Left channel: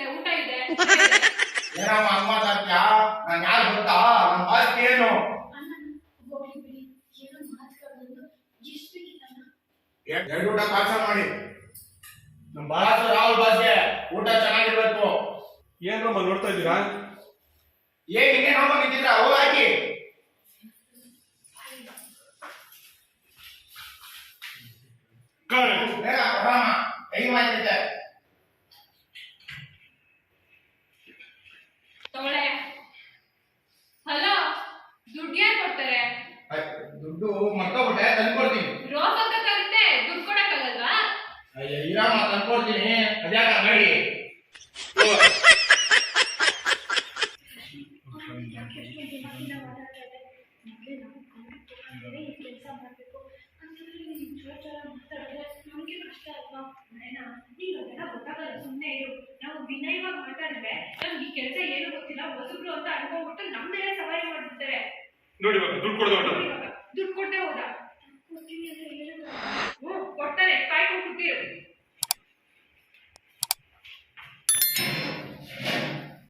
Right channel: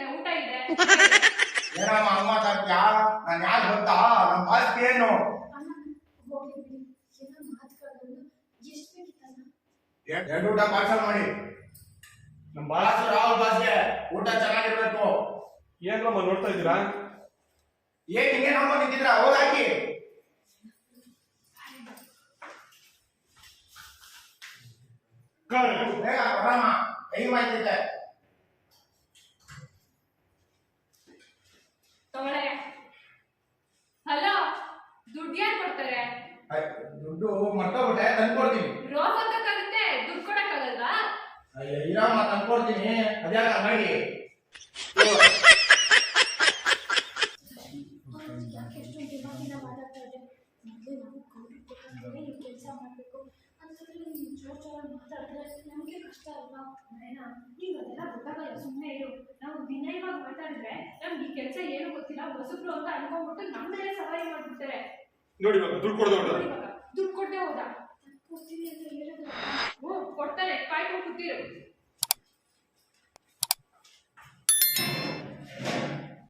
ಇರುತ್ತೆ, ಊಟ ಇದೆ. ಏನಮ್ಮ ಹಂಗ ಮಾತಾಡ್ತೀಯಾ? ನಾನು ಯಾರು ಗೊತ್ತಾ? ನಮ್ಮ ಆಸ್ತಿ ಏನು? ಹೋಗ್ಲಿ ಬಿಡಿ, ಏನೋ ಮಾತುಗಳು ಎಷ್ಟು ಬೇಕಿತ್ತಲ್ಲ. ಎರಡು ಊಟ ಪಾರ್ಸಲ್ ಮಾಡಿ. ನಮ್ಮ ಬಾಸ್ ರಾಹುಲ್ ಬಾಸ್ಗೆ ಊಟ ಚೆನ್ನಾಗಿರ್ಬೇಕು. ಏನ್ರಮ್ಮ ನೋಡ್ತಾ ಇದ್ದೀರಾ? ಏನ್ ಹಿಂಗೆ ನೋಡ್ಕೊಂಡು ನಿಂತಿದ್ರ? ಹೋಗಿ ಬೇಗ ಕೊಡಮ್ಮ, ಟೈಮ್ ಆಯ್ತೈತೆ. ತಗೊಳ್ಳೆ. ಹಲೋ, ದುಡ್ಡು ಯಾರು ಕೊಡ್ತಾರೆ? ದುಡ್ಡು ಮರ್ತೋಗ್ಬಿಟ್ಟೆ, ತಂದ್ಕೊಡ್ತೀನಿ. ರೋಸ್ ಹಾಕಕ್ಕಾಗುತ್ತೆ, ದುಡ್ಡು ಕೊಡಕ್ಕಾಗಲ್ವಾ? ಅಯ್ಯ ಇರಮ್ಮ, ತಂದ್ಕೊಡ್ತೀನಿ. ಅದ್ಯಾಕ ಮಾಡಿ ಯಾಕೆ ಎಷ್ಟೊಂದು ದಿನದಿಂದ ಮಾತಾಡ್ತಾ ಇದ್ದೆ. ಮೊದಲೇ ನಾವು ಗೌರವ ಈ ಕೆಲಸ ಮಾಡಬೇಕು ಅಂತಂದ್ರೆ ನೀವು ಜೋರ ಮಾತಾಡಿದ್ರೆ ನಮಗೆ ಕಷ್ಟ ಅಲ್ವಾ? ಮನೇನಾ ಈಗ ಅದೆಲ್ಲ ಗೊತ್ತಾಗಲ್ಲ, ಸುಮ್ಮನೆ ಇರು. ನಾವು ವಿನಯವಾಗಿ ಮಾತಾಡಿದ್ರೆ ನಮ್ಗೆ ಈ ಕೆಲಸ ಏನು ಗೊತ್ತಿಲ್ಲ, ಹೊಸಬ್ರು ಅಂತ ಅನ್ಕೊಂಡ್ಬಿಟ್ಟು ನಮ್ಮ ಮೇಲೆ ಸವಾರಿ ಮಾಡ್ಬಿಡ್ತಾರೆ. ನೋಡಿ ದುಡ್ಡು ಕೊಡೋದು ಇವಾಗ ದುಡ್ಡು ಕೊಟ್ಟೆ ಹೋದ, ಕೊಡ್ತೀನಿ ಅಂದ್ರೆ